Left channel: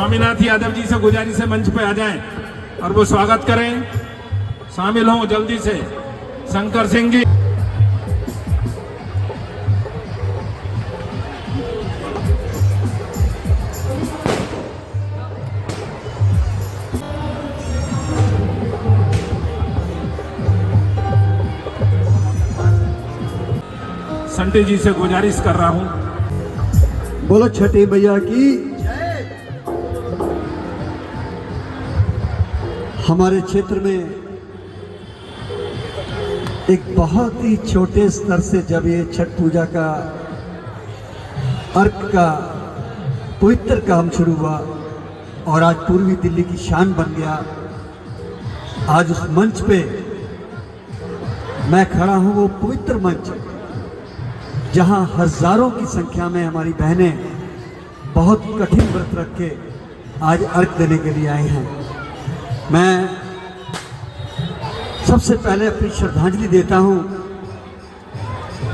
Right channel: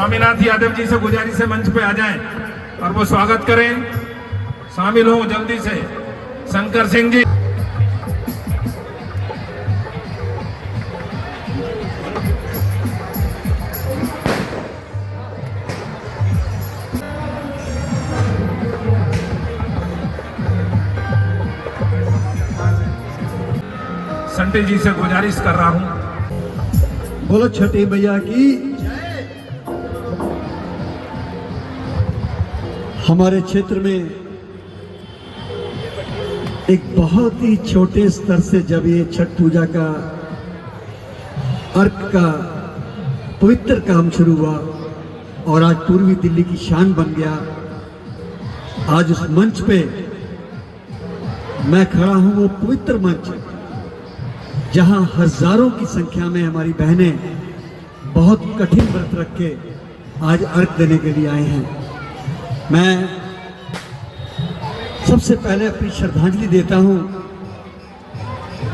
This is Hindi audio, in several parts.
स्वामीनाथ यादव जी से गुजारिश है मंच पे आ जाएं और वो स्वागत करें, शामिल हो जल्दी से। शंकर सिंह जी, संटी जी से गुजारिश कर रहा हूं। बोलो छठी मैया की। हमारे क्षेत्र में एक बहुत ही छोटे स्तर से जब ये छठ पूजा का अर्घ का पवित्र काम शुरू हुआ और आज पूर्वी दिल्ली की शान बन गया, आज उस मंच पे मैं खड़ा हूं, वो पवित्र मंच जहां हजारों की संख्या में हमारी बहनें बहुत कठिन व्रत रख के आज अर्घ देने के लिए आए हैं। मैं सबसे पहले अपनी श्रद्धांजलि देता हूं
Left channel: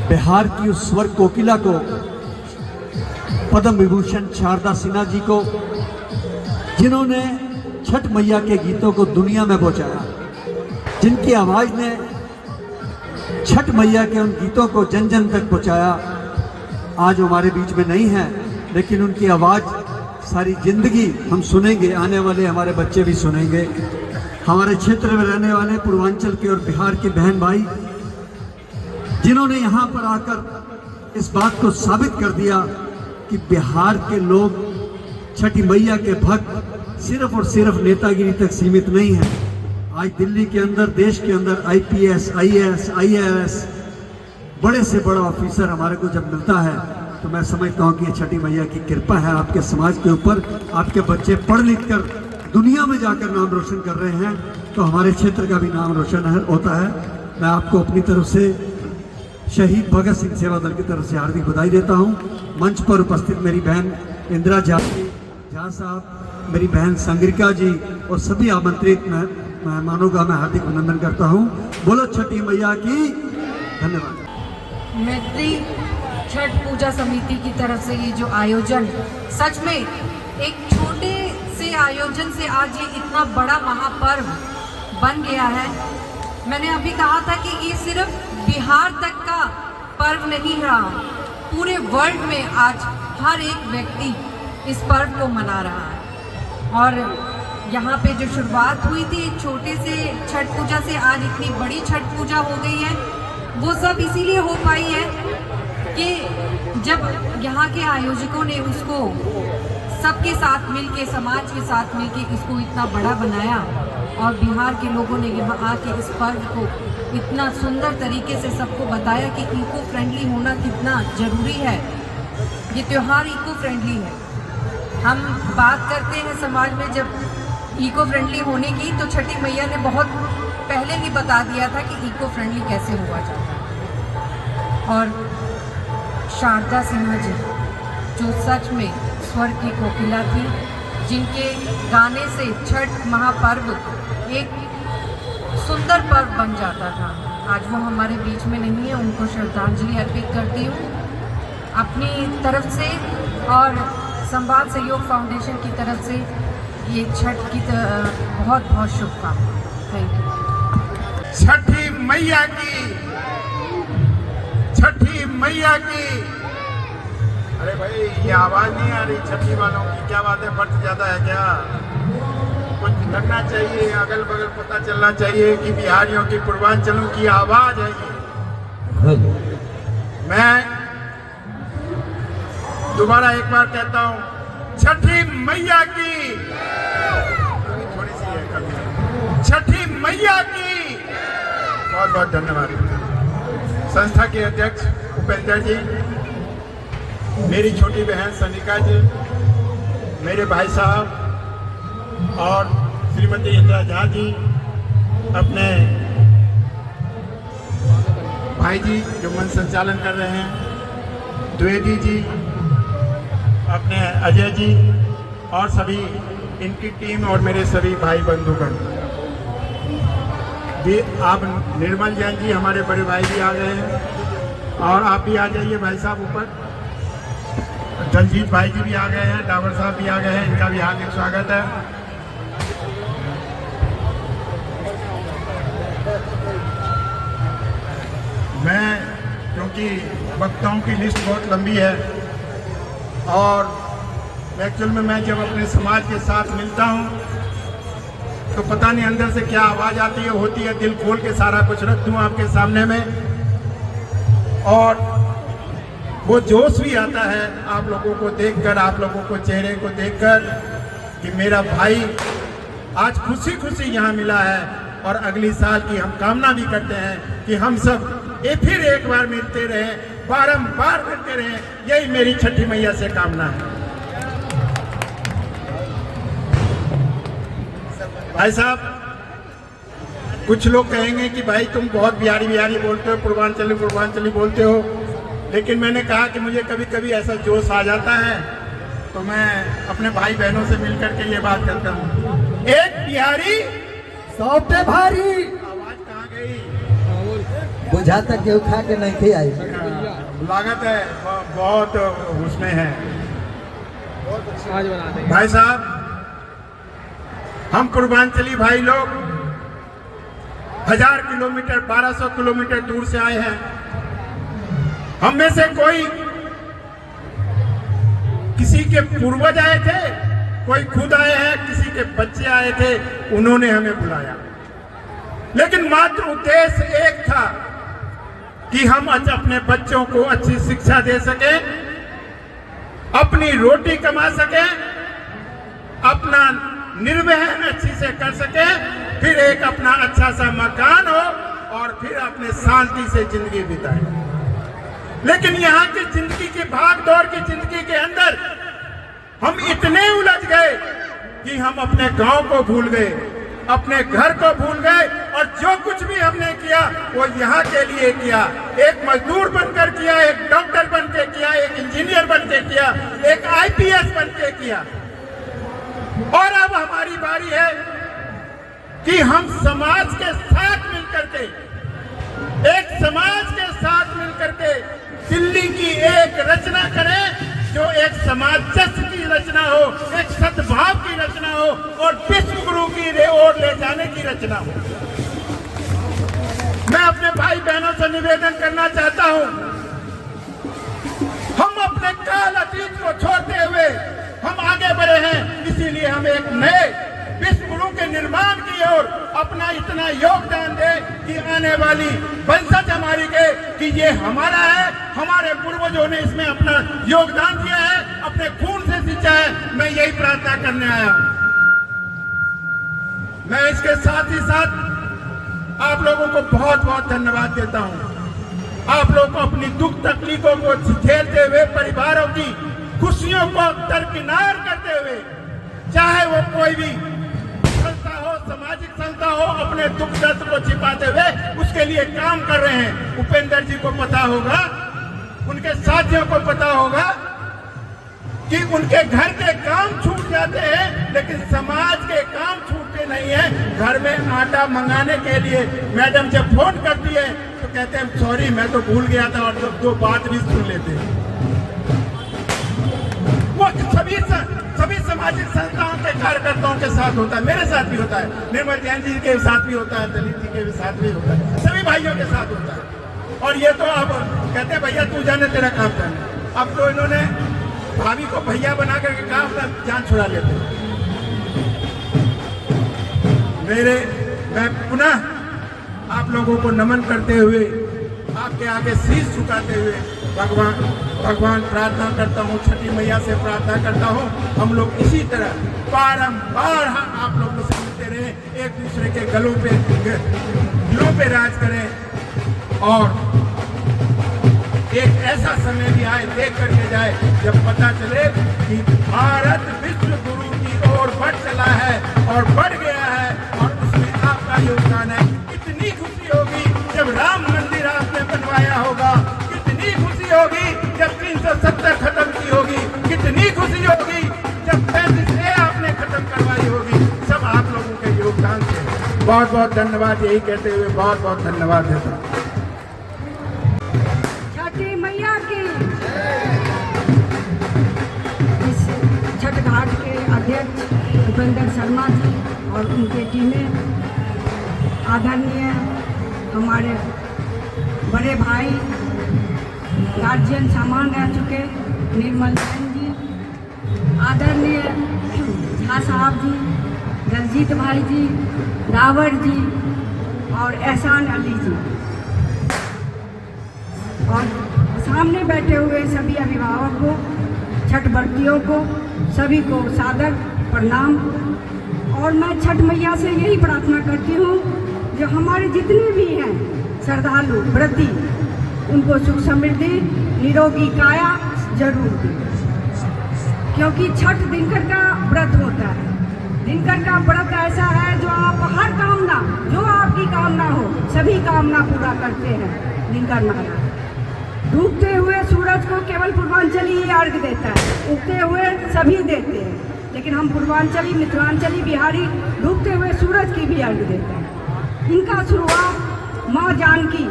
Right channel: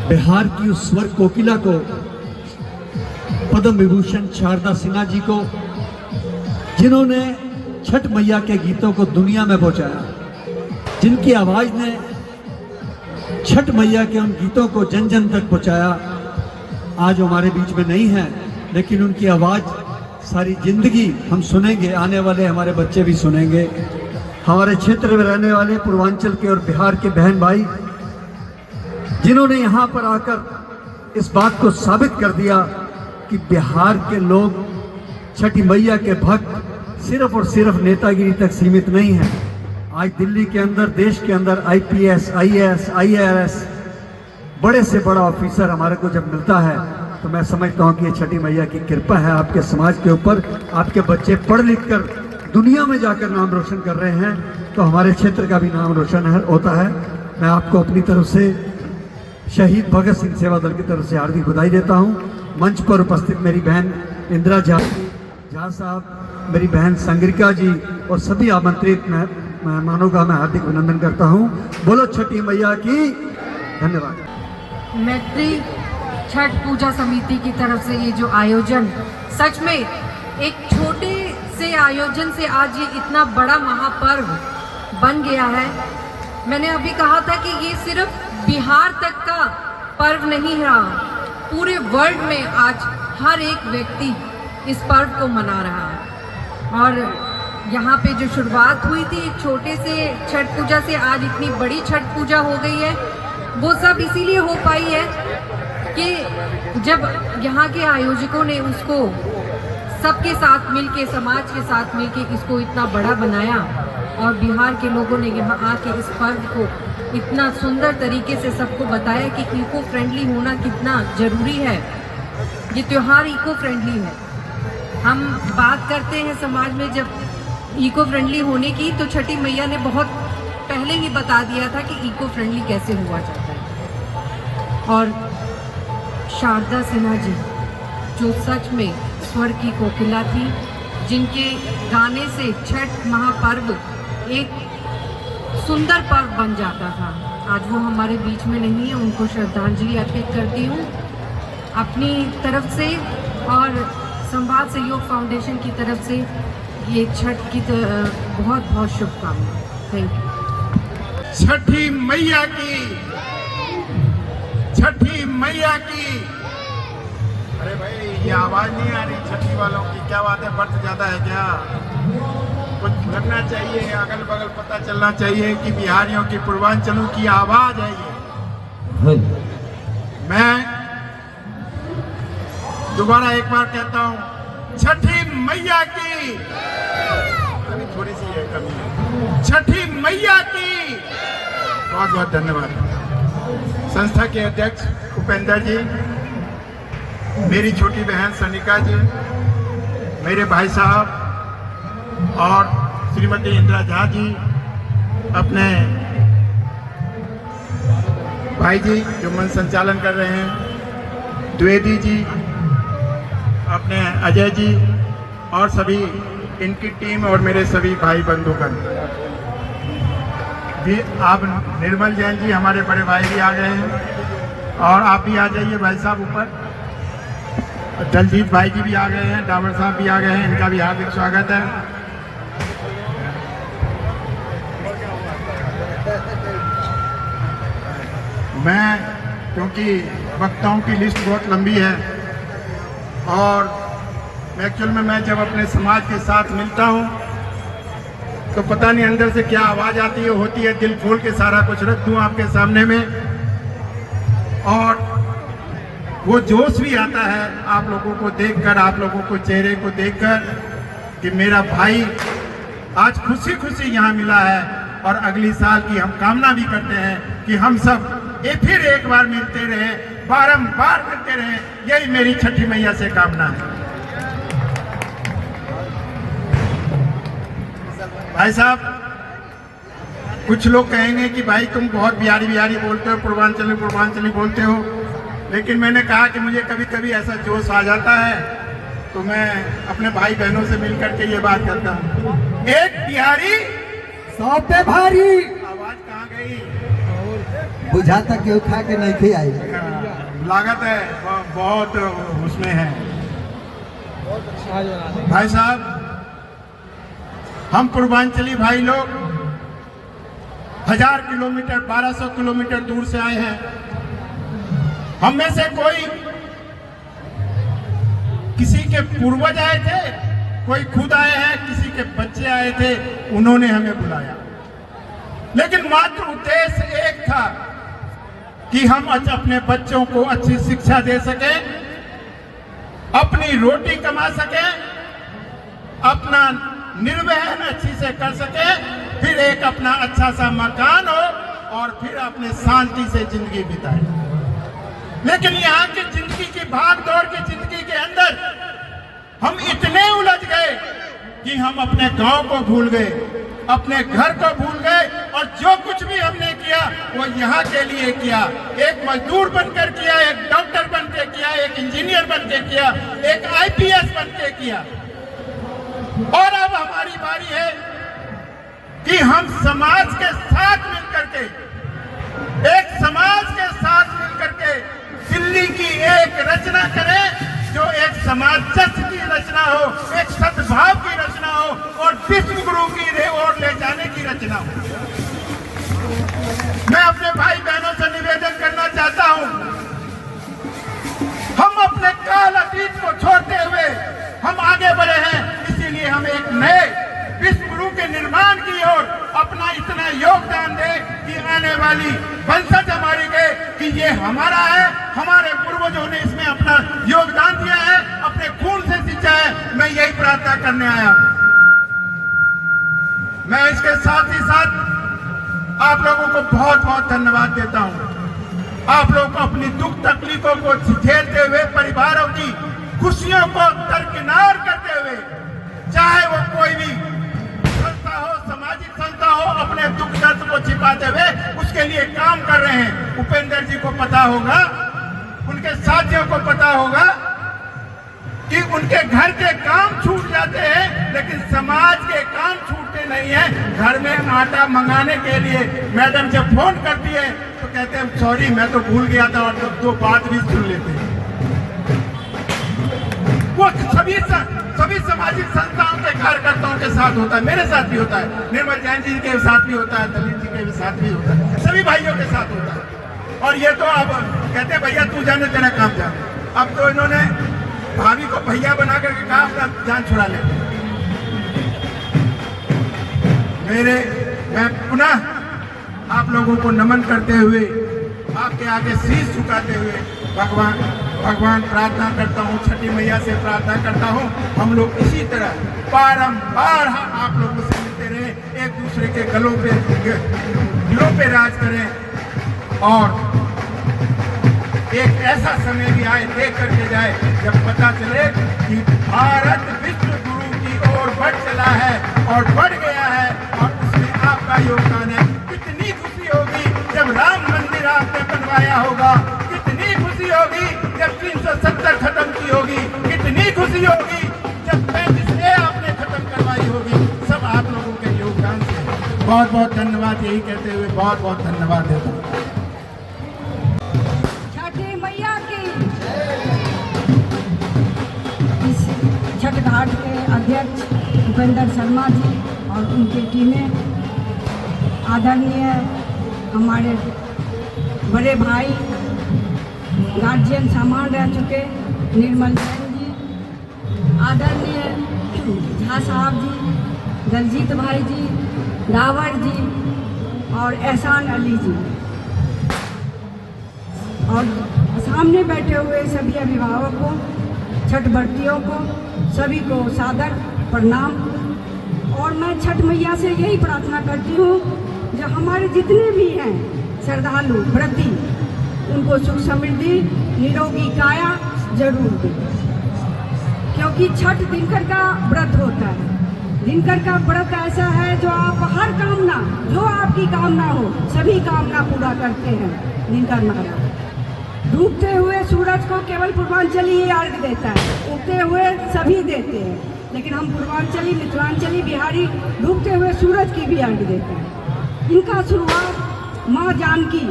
बिहार की उस स्वर कोकिला को, पद्म विभूषण शारदा सिन्हा जी को, जिन्होंने छठ मैया के गीतों को दुनिया में पहुंचाया, जिनकी आवाज ने छठ मैया के उन गीतों को जन जन तक पहुंचाया। आज हमारे बीच में नहीं है, लेकिन उनकी आवाज सारी जिंदगी हम सुनेंगे, आने वाले हमारे बच्चे भी सुनेंगे। हमारे क्षेत्र में रहने वाले पूर्वांचल के और बिहार के बहन भाई, जिन्होंने यहाँ पर आकर इस बात को साबित कर दिया कि बिहार के लोग छठी मैया के भक्त सिर्फ और सिर्फ नेतागिरी तक सीमित नहीं है। आज दिल्ली के अंदर, देश के अंदर IPS, IAS, IAS बड़े से बड़ा ऑफिसर हमारे को जब मिलता है तो मैं समझता हूँ कि ये छठी मैया की कृपा है आपके समाज के ऊपर। आपके बच्चे पढ़ लिख कर दुनिया में जाकर नाम रोशन कर रहे हैं, तो हमारे क्षेत्र का भी नाम रोशन होता है। मैं आपको अपनी तरफ से शहीद भगत सिंह सेवा दल की तरफ से हार्दिक बधाई देता हूँ। मंच पर उपस्थित मेरी बहन इंदिरा झा साहब, मेरी बहन संग्रिका जी और सभी आमंत्रित मेहमानों का मैं हार्दिक अभिनंदन करता हूँ। बोलो छठी मैया की। धन्यवाद। मैत्री छठ पूजा समिति की तरफ से ये जो आयोजन, सच में एक छोटे से आयोजन से आज ये इतना बड़ा महापर्व बन गया है। मैंने अभी कहा था कि ये सिर्फ बिहार तक का पर्व नहीं रहा, पूरे वर्ल्ड में आज हर एक व्यक्ति इस पर्व को मना रहा है। और यहाँ पे जो शुरुआत हुई थी एक छोटे से छठ पूजा से, आज इतनी बड़ी छठ पूजा हो गई है। वो सब इसीलिए हो पाई है कि जब यहाँ के आयोजकों ने उसको सबके साथ मिलके, समाज के साथ मिलके इसको इतना बड़ा बनाया और बिहार के लोगों ने यहाँ आके इस पर्व को इतना सुंदर तरीके से सबको बताया कि इको फ्रेंडली होना कितना जरूरी है। ये त्योहार इको फ्रेंडली है। हम बात करते हैं समाज में जब इको फ्रेंडली होने की, तो छठी मैया ने बहुत पहले ही बता दिया था कि इको फ्रेंडली कैसे हुआ जाता है। और शारदा सिन्हा जी जो सच में स्वर की कोकिला थी, जिनके गाने से छठ महापर्व एक सुंदर पर्व बन जाता था, आज वो हमारे बीच में नहीं है। उनको श्रद्धांजलि अर्पित करती हूँ अपनी तरफ से और संवाद सहयोग फाउंडेशन की तरफ से। ये छठ की बहुत बहुत शुभकामनाएं। Thank you. छठी मैया की, छठी मैया की। अरे भाई ये आवाज नहीं आ रही छठी वालों की, क्या बात है? बर्थ ज्यादा है क्या? कुछ लगना चाहिए, अगल बगल पता चलना चाहिए कि बिहारियों की, पूर्वांचलों की आवाज है ये। मैं दोबारा एक बार कहता हूँ, छठी मैया की, थोड़ी सी ये कर, छठी मैया की। बहुत बहुत धन्यवाद। संस्था के अध्यक्ष उपेंद्र जी, मेरी छोटी बहन सनिका जी, मेरे भाई साहब और श्रीमती इंदिरा झा जी, अपने भाई जी जो मंच संचालन कर रहे हैं, द्विवेदी जी, अपने अजय जी और सभी इनकी टीम और मेरे सभी भाई बंधुगण भी। आप निर्मल जैन जी हमारे बड़े भाई भी आ गए हैं और आप भी आ जाइए भाई साहब ऊपर। दलजीत भाई जी भी आ गए हैं, डावर साहब भी आ गए हैं, इनका भी हार्दिक स्वागत है। मैं क्योंकि वक्ताओं की लिस्ट बहुत लंबी है और एक्चुअल में मैं जब अपने समाज के साथ मिलता हूं तो पता नहीं अंदर से क्या आवाज आती है, होती है, दिल खोल के सारा कुछ रख दूं आपके सामने में। और वो जोश भी आता है आप लोगों को देखकर, आप लोगों को चेहरे को देखकर कि मेरा भाई आज खुशी खुशी यहाँ मिला है। और अगली साल की हम कामना भी करते हैं कि हम सब फिर एक बार मिलते रहे, बारंबार मिलते रहे। यही मेरी छठी मैया से कामना है। भाई साहब, कुछ लोग कहेंगे कि भाई तुम बहुत बिहारी बिहारी बोलते हो, पूर्वांचली बोलते हो, लेकिन मैंने कहा कि मुझे कभी कभी ऐसा जोश आ जाता है तो मैं अपने भाई बहनों से मिलकर के ये बात करता हूँ, एक बिहारी 100 पे भारी। आवाज कहाँ गई? बुझाता केहू खा के नहीं थे आई। लागत है बहुत उसमें है। भाई साहब, हम पूर्वांचली भाई लोग 1000 किलोमीटर 1200 किलोमीटर दूर से आए हैं। हम में से कोई किसी के पूर्वज आए थे, कोई खुद आए हैं, किसी के बच्चे आए थे, उन्होंने हमें बुलाया। लेकिन मात्र उद्देश्य एक था कि हम अपने बच्चों को अच्छी शिक्षा दे सकें, अपनी रोटी कमा सकें, अपना निर्वहन अच्छी से कर सके, फिर एक अपना अच्छा सा मकान हो और फिर अपने शांति से जिंदगी बिताए। लेकिन यहाँ की जिंदगी की भाग दौड़ की जिंदगी के अंदर हम इतने उलझ गए कि हम अपने गांव को भूल गए, अपने घर को भूल गए और जो कुछ भी हमने किया वो यहाँ के लिए किया। एक मजदूर बनकर किया, एक डॉक्टर बन के किया, एक इंजीनियर बन के किया, एक IPS बन के किया। और अब हमारी बारी है कि हम समाज के साथ मिलकर के, एक समाज के साथ मिलकर के दिल्ली की एक रचना करें जो एक समाजस्थ की रचना हो, एक सद्भाव की रचना हो और विश्व गुरु की ओर ले जाने की रचना हो। मैं अपने भाई बहनों से निवेदन करना चाहता हूं, हम अपने काल अतीत को छोड़ते हुए हम आगे बढ़े हैं। इसीलिए हम एक नए विश्व गुरु के निर्माण की ओर अपना इतना योगदान दे कि आने वाली वंशज हमारी के कि ये हमारा है, हमारे पूर्वजों ने इसमें अपना योगदान दिया है, अपने खून से सींचा है। मैं यही प्रार्थना करने आया हूं। मैं इसके साथ ही साथ आप लोगों को बहुत बहुत धन्यवाद देता हूं। आप लोगों को अपनी दुख तकलीफों को झेलते हुए, परिवारों की खुशियों को दरकिनार करते हुए, चाहे वो कोई भी संस्था हो, सामाजिक संस्था हो, अपने दुख दर्द को छिपाते हुए उसके लिए काम कर रहे हैं। उपेंद्र जी को पता होगा, उनके साथियों को पता होगा कि उनके घर के काम छूट जाते हैं, लेकिन समाज के काम छूटते नहीं है। घर में आटा मंगाने के लिए मैडम जब फोन करती है तो कहते हैं सॉरी मैं तो भूल गया था, और दो बात भी सुन लेते हैं। वो सभी सामाजिक संस्थाओं के कार्यकर्ताओं के साथ होता है, मेरे साथ भी होता है, निर्मल जैन जी के साथ भी होता है, दलित जी के साथ भी होता है, सभी भाइयों के साथ होता है। और ये तो अब कहते हैं भैया तू जाने तेरा काम जाने। अब तो इन्होंने भाभी को भैया बना करके कहा अपना जान छुड़ा लेते। मैं पुनः आप लोगों को नमन करते हुए, आपके आगे शीश झुकाते हुए भगवान प्रार्थना करता हूँ, छठी मैया से प्रार्थना करता हूँ, हम लोग इसी तरह बारंबार आप लोगों से मिलते रहे, एक दूसरे के दिलों पे राज करें और एक ऐसा समय भी आए, देख करके जाए जब पता चले कि भारत विश्व गुरु की ओर बढ़ चला है और बढ़ गया है और उसमें आपका योगदान है। कितनी खुशी होगी जब राम मंदिर आपने बनवाया होगा, कितनी खुशी होगी जब 370 खत्म की होगी, कितनी खुशी होगी जब 35 आपने खत्म करवाई होगी। सब आप लोगों के योगदान से बहुत बहुत धन्यवाद। यही कहते हुए बहुत बहुत धन्यवाद देता हूँ। छठी मैया की घाट के अध्यक्ष भूपेंद्र शर्मा जी और उनकी टीमें, आदरणीय हमारे बड़े भाई गार्जियन सामान रह चुके निर्मल जैन जी, आदरणीय झा साहब जी, दलजीत भाई जी, लावर जी और एहसान अली जी, और सामने बैठे हुए सभी अभिभावकों, छठ व्रतियों को, सभी को सादर प्रणाम। और मैं छठ मैया से यही प्रार्थना करती हूँ जो हमारे जितने भी हैं श्रद्धालु व्रती, उनको सुख समृद्धि निरोगी काया जरूर दें, क्योंकि छठ दिनकर का व्रत होता है। दिनकर का व्रत ऐसा है जो आप हर कामना, जो आपकी कामना हो, सभी कामना पूरा करते हैं। दिनकर महाराज डूबते हुए सूरज को केवल पूर्वांचली ही अर्घ देता है, उगते हुए सभी देते हैं, लेकिन हम पूर्वांचली, मिथिलांचली, बिहारी डूबते हुए सूरज की भी अर्घ देते हैं। इनका शुरुआत माँ जानकी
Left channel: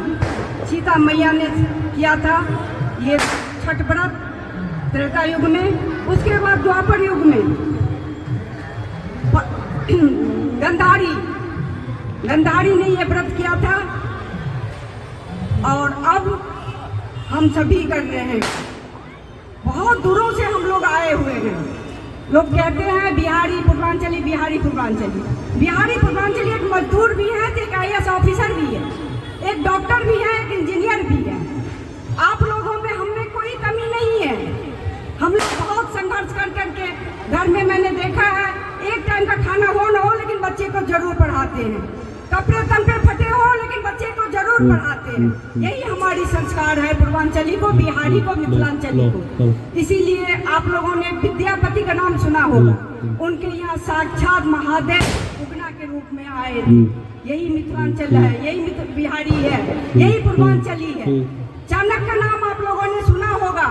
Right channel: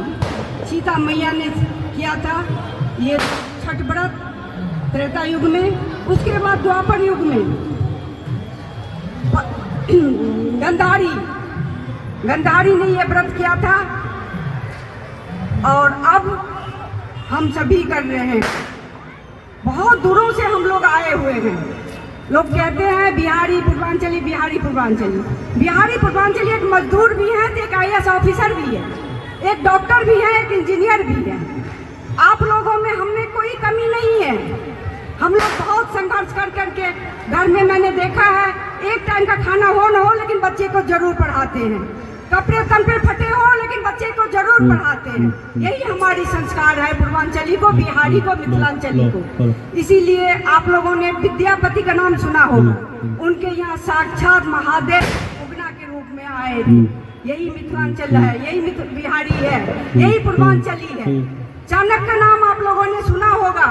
सीता मैया ने किया था, ये छठ व्रत त्रेता युग में। उसके बाद द्वापर युग में गंधारी ने ये व्रत किया था, और अब हम सभी कर रहे हैं। बहुत दूरों से हम लोग आए हुए हैं। लोग कहते हैं बिहारी पूर्वांचली, बिहारी पूर्वांचली। बिहारी पूर्वांचली एक मजदूर भी है, एक IAS ऑफिसर भी है, एक डॉक्टर भी है, एक इंजीनियर भी है। आप लोगों में हमने कोई कमी नहीं है। हम लोग बहुत संघर्ष कर करके, घर में मैंने देखा है, एक टाइम का खाना हो न हो लेकिन बच्चे को जरूर पढ़ाते हैं, कपड़े तन पे फटे हो लेकिन बच्चे को जरूर पढ़ाते हैं। यही हमारी संस्कार है पूर्वांचली को, बिहारी को, मिथिलांचली को। इसीलिए आप लोगों ने विद्यापति का नाम सुना होगा, उनके यहाँ साक्षात महादेव उगना के रूप में आए थे। यही मिथिलांचल है, यही बिहारी है, यही पूर्वांचली है। चाणक्य का नाम आप लोगों ने सुना होगा,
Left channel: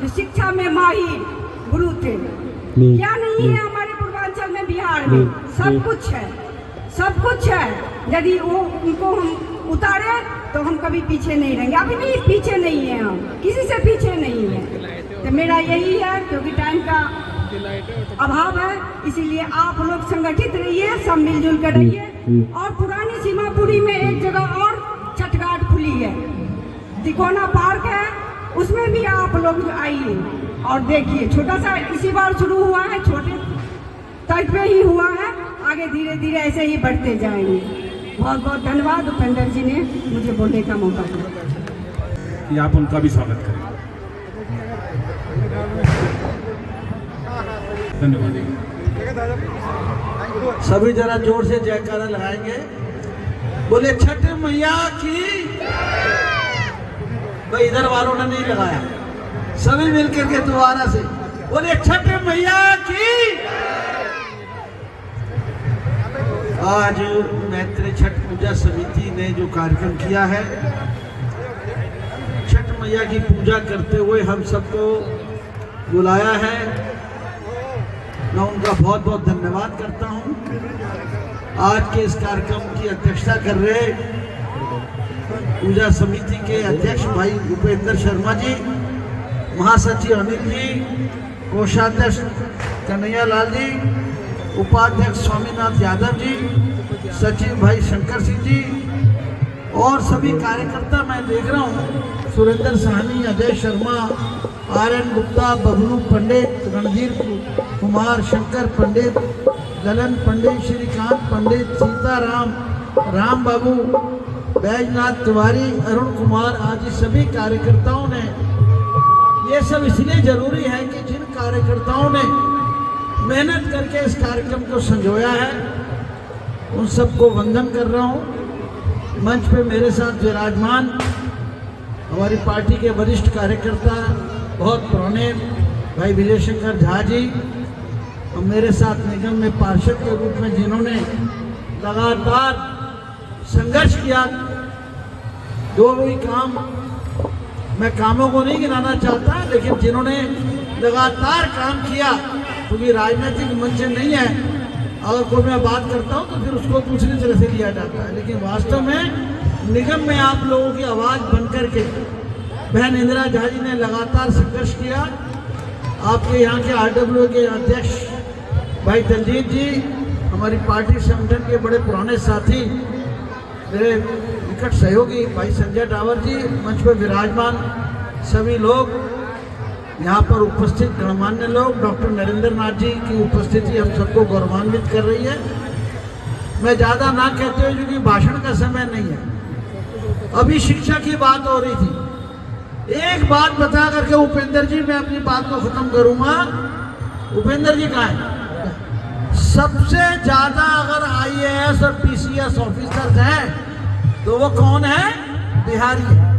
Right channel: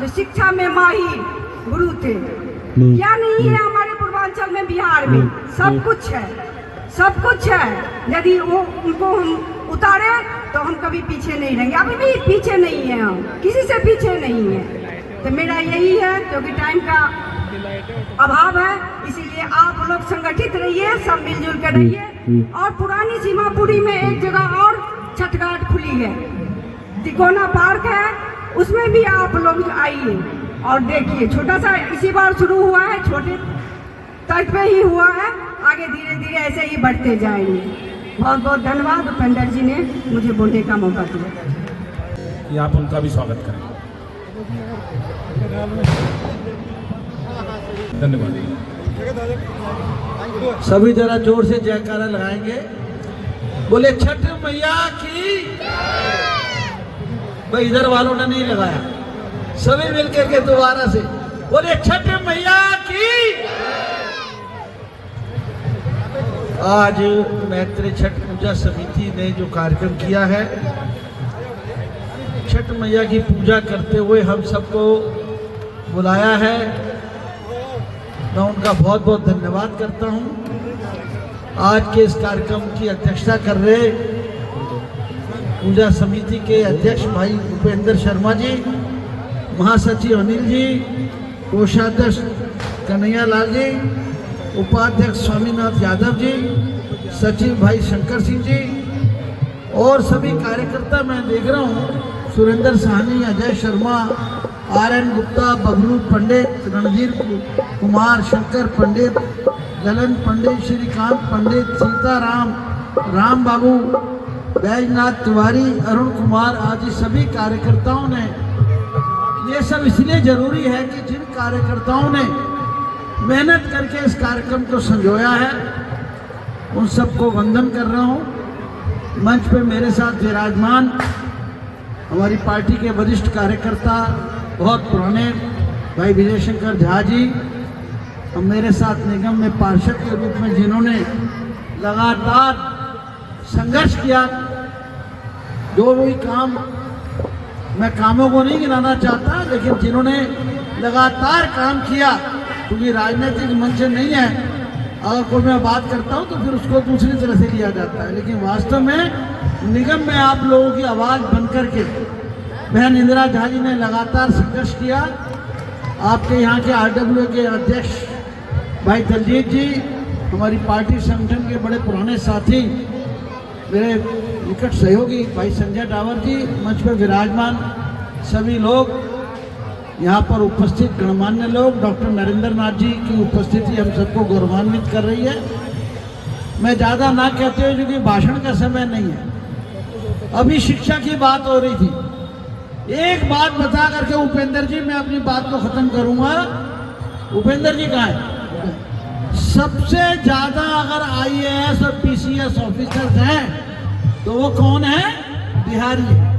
जो शिक्षा में माहिर गुरु थे। क्या नहीं है हमारे पूर्वांचल में, बिहार में सब कुछ है, सब कुछ है। यदि वो उनको हम उतारे तो हम कभी पीछे नहीं रहेंगे। अभी भी पीछे नहीं है, हम किसी से पीछे नहीं है। तो मेरा यही है, क्योंकि टाइम का अभाव है, इसीलिए आप लोग संगठित रहिए, सब मिलजुल कर रहिए। और पुरानी सीमापुरी में एक जगह और छठ घाट खुली है, तिकोना पार्क है, उसमें भी आप लोग आइए और देखिए। छोटा सा इसी बार शुरू हुआ है, छोटे तट पे ही हुआ है, आगे धीरे धीरे ऐसे ही बढ़ते जाएंगे। बहुत बहुत धन्यवाद उपेंद्र जी ने मुझे बोलने का मौका दिया। कि आप उनका भी स्वागत करें। धन्यवाद। सभी जरा जोर से जयकारा लगाएंगे, बोले छठ मैया की। भाई इधर वालों ने नहीं लगाया, सभी मिलकर के दोबारा से बोले छठ मैया की। आज मैत्री छठ पूजा समिति ने जो कार्यक्रम किया है, छठ मैया की पूजा करते हुए हम सबको बुलाया है, मैं उनका बहुत बहुत धन्यवाद करता हूं। आज के इस कार्यक्रम की अध्यक्षता कर रहे पूजा समिति के अध्यक्ष भाई भूपेंद्र शर्मा जी, महासचिव अनिल जी, कोषाध्यक्ष कन्हैया लाल जी, उपाध्यक्ष स्वामीनाथ यादव जी, सचिव भाई शंकर सिंह जी और सभी कार्यकर्ता मैं देख रहा हूँ, सुरेंद्र साहनी, अजय शर्मा, RN गुप्ता, बबलू पंडित, रणधीर कुमार, शंकर पंडित, ललन पंडित, श्रीकांत पंडित, सीताराम, राम बाबू, बैजनाथ तिवारी, अरुण कुमार आदि सभी कार्यकर्ताओं ने, ये सब इसलिए जरूरी है कि जिन कार्यकर्ताओं ने मेहनत करके इस कार्यक्रम को संजोया है, उन सबको वंदन कर रहा हूँ। मंच पे मेरे साथ विराजमान हमारी पार्टी के वरिष्ठ कार्यकर्ता, बहुत पुराने भाई विजय शंकर झा जी, और मेरे साथ निगम में पार्षद के रूप में जिन्होंने लगातार संघर्ष किया, जो भी काम, मैं कामों को नहीं गिनाना चाहता, लेकिन जिन्होंने लगातार काम किया, क्योंकि राजनीतिक मंच नहीं है, अगर कोई मैं बात करता हूं तो फिर उसको दूसरी तरह से लिया जाता है, लेकिन वास्तव में निगम में आप लोगों की आवाज बनकर के बहन इंदिरा झा जी ने लगातार संघर्ष किया आपके यहाँ के आरडब्ल्यू के अध्यक्ष भाई दलजीत जी, हमारी पार्टी संगठन के बड़े पुराने साथी, मेरे निकट सहयोगी भाई संजय डावर जी, मंच पर विराजमान सभी लोग, यहाँ पर उपस्थित गणमान्य लोग, डॉक्टर नरेंद्र नाथ जी की उपस्थिति हम सबको गौरवान्वित कर रही है। मैं ज़्यादा ना कहते हुए, क्योंकि भाषण का समय नहीं है, अभी शिक्षा की बात हो रही थी। एक बात बता करके उपेंद्र जी मैं अपनी बात को खत्म करूंगा। उपेंद्र जी कहाँ है? सबसे ज्यादा अगर आईएएस और पीसीएस ऑफिसर्स हैं तो वो कौन है? बिहारी है।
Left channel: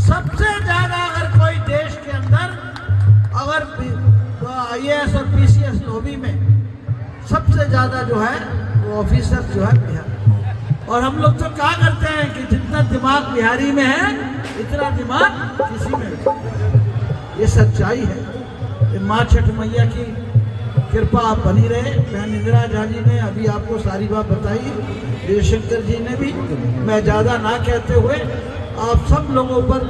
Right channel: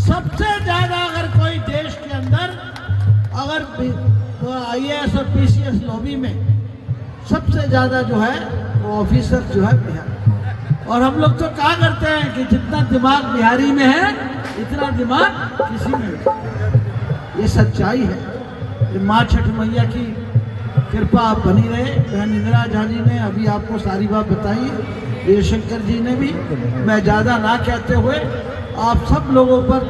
सबसे ज्यादा अगर कोई देश के अंदर अगर आईएएस और पीसीएस लॉबी में सबसे ज्यादा जो है वो ऑफिसर जो है बिहार। और हम लोग तो क्या करते हैं कि जितना दिमाग बिहारी में है इतना दिमाग किसी में नहीं। ये सच्चाई है। ये माँ छठ मैया की कृपा आप बनी रहे। बहन इंदिरा झा जी ने अभी आपको सारी बात बताई, जयशंकर जी ने भी। मैं ज़्यादा ना कहते हुए आप सब लोगों पर,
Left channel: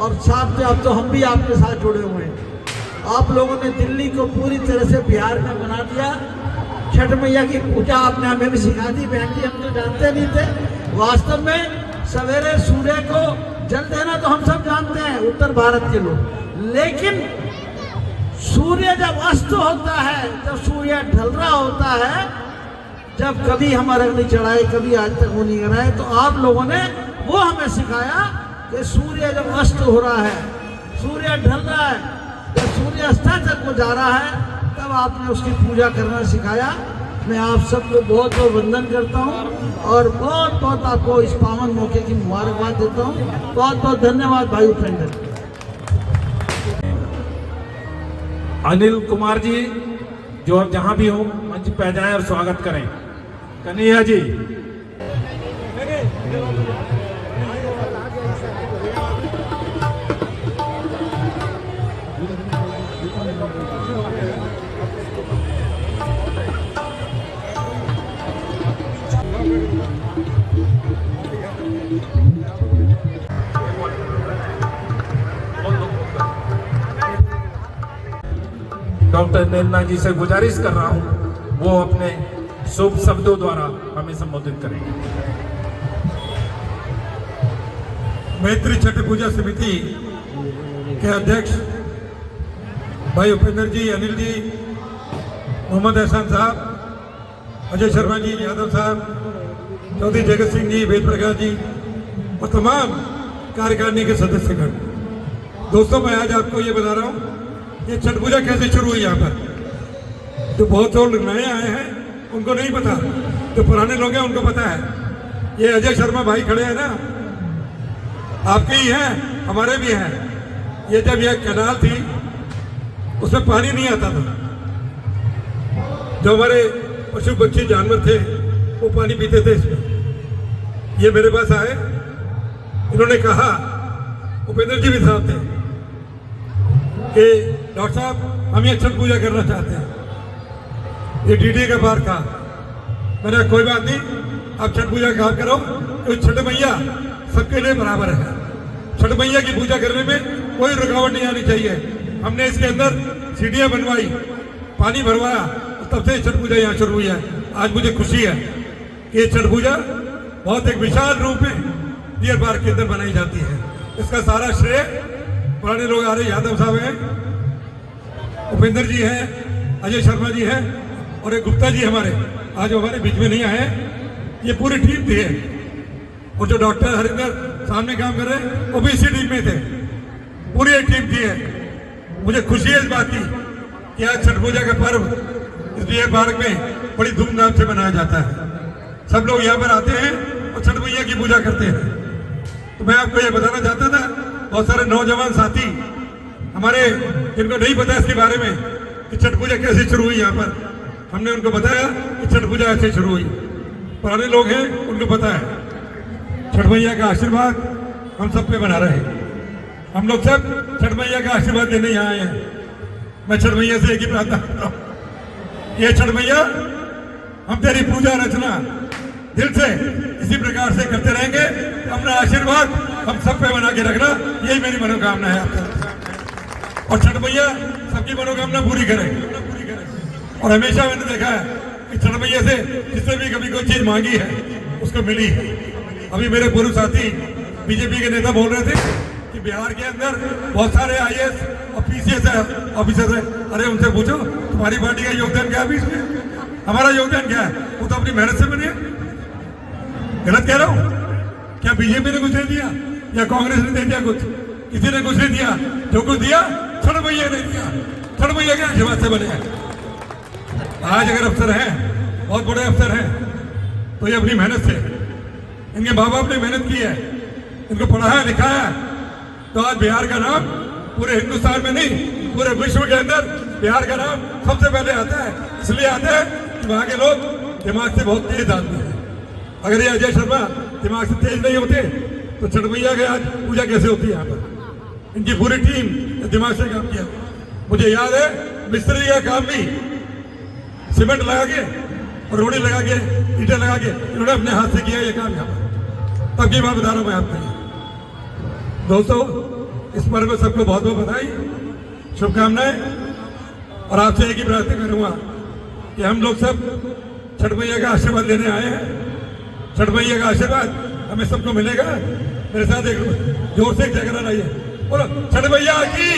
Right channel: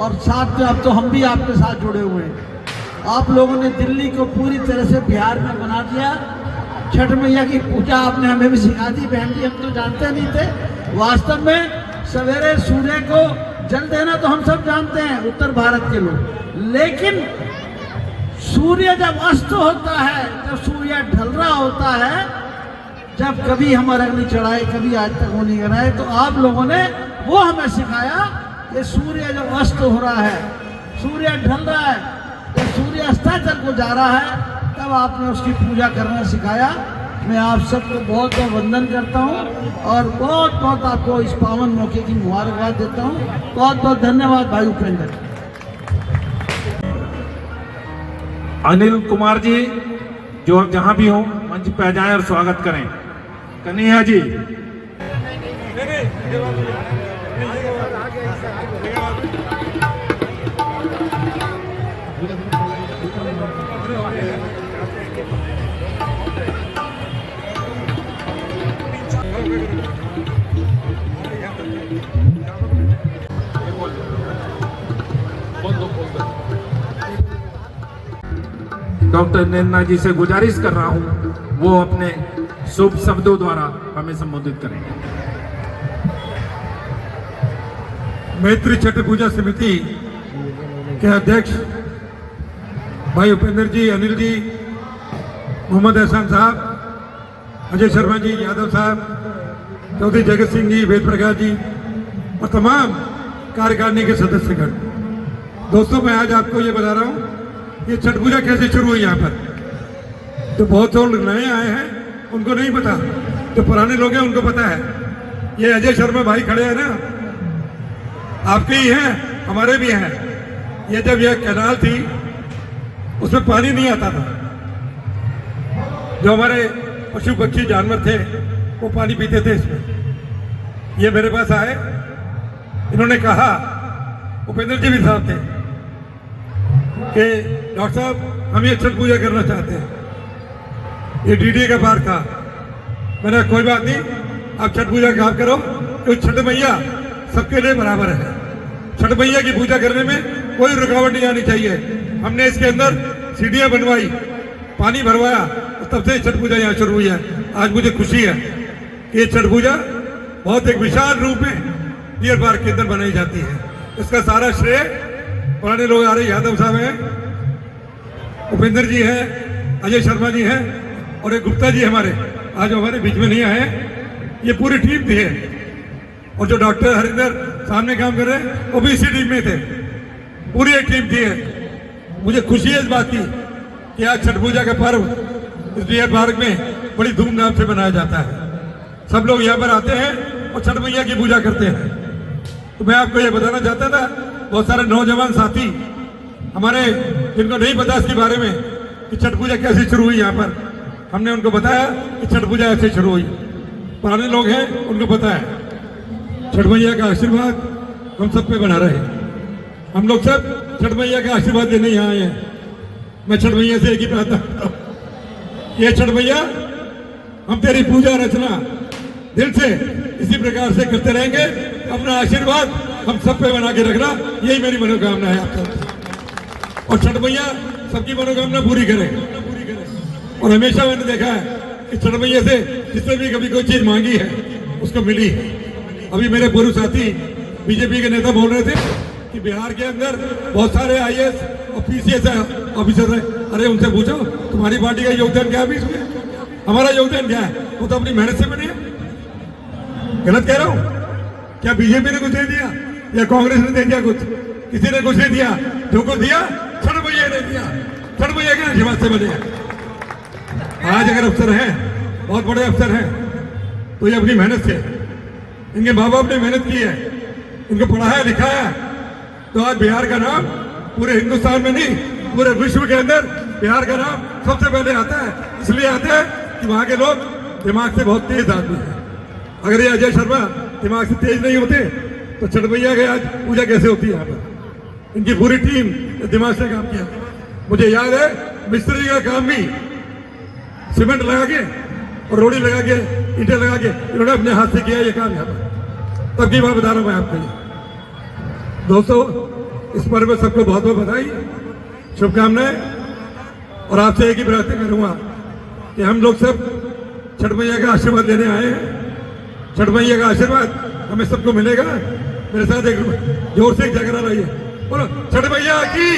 और साथ में अब तो हम भी आपके साथ जुड़े हुए हैं। आप लोगों ने दिल्ली को पूरी तरह से बिहार में बना दिया। छठ मैया की पूजा आपने हमें भी सिखा दी। बहन जी हम तो जानते नहीं थे। वास्तव में सवेरे सूर्य को जल देना तो हम सब जानते हैं, उत्तर भारत के लोग। लेकिन सूर्य जब अस्त होता है, जब सूर्य ढल रहा होता है, जब कभी हम अर्घ नहीं चढ़ाए, कभी आज तक वो नहीं कराए, तो आप लोगों ने वो हमें सिखाया कि सूर्य जब अस्त हो रहा है, सूर्य ढल रहा है, जब सूर्य अस्ताचल को जा रहा है, तब आपने उसकी पूजा करना सिखाया। मैं आप सबको बहुत बहुत वंदन करता हूँ और बहुत बहुत आपको इस पावन मौके की मुबारकबाद देता हूँ। बहुत बहुत धन्यवाद भाई उपेंद्र। अनिल कुमार जी, जो अब जहां भी हो मंच पे आ जाएं और स्वागत करें। कन्हैया जी, डॉक्टर नरेंद्र जी से गुजारिश कर रहा हूं वो अपने शुभ शब्दों द्वारा हमें संबोधित करेंगे। मैत्री छठ पूजा समिति के अध्यक्ष भाई उपेंद्र जी, अनिल जी, मोहम्मद एहसान साहब, अजय शर्मा जी, यादव साहब, चौधरी जगत सिंह जी, वेद प्रकाश जी और तमाम कार्यकारिणी के सदस्यगण। दोस्तों, मैं आज आपको ये बता रहा हूँ ये छठ पूजा कैसे शुरू हुई। यहाँ पर जो बहुत लोग नए आए हैं उनको नहीं पता, जो पुराने लोग हैं उनको पता है। ये अजय शर्मा भाई खड़े हैं ना, आपके ही हैं, हमारे भी हैं। ये जब यह कैनाल थी उसमें पानी नहीं आता था, जो हमारे पशु पक्षी जानवर थे वो पानी पीते थे इसमें। ये मेरे पास आए, इन्होंने कहा, उपेंद्र जी भी साहब थे, कि डॉक्टर साहब हम ये छठ पूजा करना चाहते हैं। ये डीडी का पार था। मैंने कोई बात नहीं, आप छठ पूजा का काम करो, तो छठ मैया सबके लिए बराबर है। छठ मैया की पूजा करने में कोई रुकावट नहीं आनी चाहिए। हमने इसके अंदर सीढ़ियां बनवाई, पानी भरवाया, और तब से छठ पूजा यहाँ शुरू हुई है। आज मुझे खुशी है कि ये छठ पूजा बहुत एक विशाल रूप में डियर पार्क के अंदर बनाई जाती है। इसका सारा श्रेय पुराने लोग आ रहे, यादव साहब हैं, उपेंद्र जी हैं, अजय शर्मा जी हैं और एक गुप्ता जी हमारे आज हमारे बीच में नहीं आए। ये पूरी टीम थी है, और जो डॉक्टर हरिंदर सामने काम कर रहे हैं वो भी इसी टीम में थे। पूरी एक टीम थी है। मुझे खुशी है इस बात की कि आज छठ पूजा का पर्व इस डियर पार्क में बड़ी धूमधाम से मनाया जाता है। सब लोग यहाँ पर आते हैं और छठ मैया की पूजा करते हैं। तो मैं आपको ये बताना चाहता था, बहुत सारे नौजवान साथी हमारे जिनको नहीं पता इसके बारे में कि छठ पूजा कैसे शुरू हुई, यहाँ पर हमने उनको बताया कि छठ पूजा ऐसे शुरू हुई। पुराने लोग हैं उनको पता है। छठ मैया का आशीर्वाद हम सब पे बना रहे। हम लोग सब छठ मैया का आशीर्वाद देने यहाँ आए हैं। मैं छठ मैया से एक ही प्रार्थना करता हूँ, ये छठ मैया हम तेरी पूजा रचना दिल से इसी प्रकार से करते रहेंगे। अपना आशीर्वाद हम सब पे बना के रखना, यही मेरी मनोकामना है आपको। और छठ मैया सबकी मनोकामना पूरी करे। और हमेशा मैंने देखा है कि छठ मैया से जिसने भी कभी कोई चीज मांगी है उसको मिली है। अभी मेरे पूर्व साथी बीजेपी के नेता बोल रहे थे कि बिहार के अंदर बहुत सारे IAS और PCS ऑफिसर है। अरे उनसे पूछो तुम्हारी पार्टी का योगदान क्या है अभी इसमें? हमारा योगदान क्या है? वो तो अपनी मेहनत से बने। गलत कह रहा हूँ क्या? बीजेपी ने कुछ नहीं दिया या कांग्रेस ने दे दिया? कुछ किसी ने कुछ नहीं दिया। जो कुछ दिया छठ मैया ने दिया। छठ मैया के आशीर्वाद से बने। आज अगर अफसर हैं, बहुत बड़े अफसर हैं, तो ये अपनी मेहनत से, इनके माँ बाप ने मेहनत की है, इनको पढ़ाया लिखाया, तो आज बिहार का नाम पूरे हिंदुस्तान में नहीं पूरे विश्व के अंदर बिहार का नाम सबसे पहले आता है। इसलिए आता है कि वहां के लोग दिमाग से बहुत तेज आदमी है। अगर ये अजय शर्मा दिमाग से तेज नहीं होते तो छठ मैया की आज पूजा कैसे होती है यहाँ पर? इनकी पूरी टीम दिमाग से काम किया। मुझे याद है मिस्त्री का काम भी सीमेंट लगा के और रोड़ी लगा के ईंटें लगा के इन्होंने अपने हाथ से किया ये काम यहाँ पर। तब की बात बता रहा हूँ मैं आपको। दोस्तों इस पर्व में सबको बहुत बहुत बधाई, शुभकामनाएं। और आपसे एक ही प्रार्थना करूंगा कि हम लोग सब छठ मैया का आशीर्वाद लेने आए हैं। छठ मैया का आशीर्वाद हमें सबको मिलेगा। मेरे साथ एक जोर से एक जगह लाइए, बोलो छठ मैया की।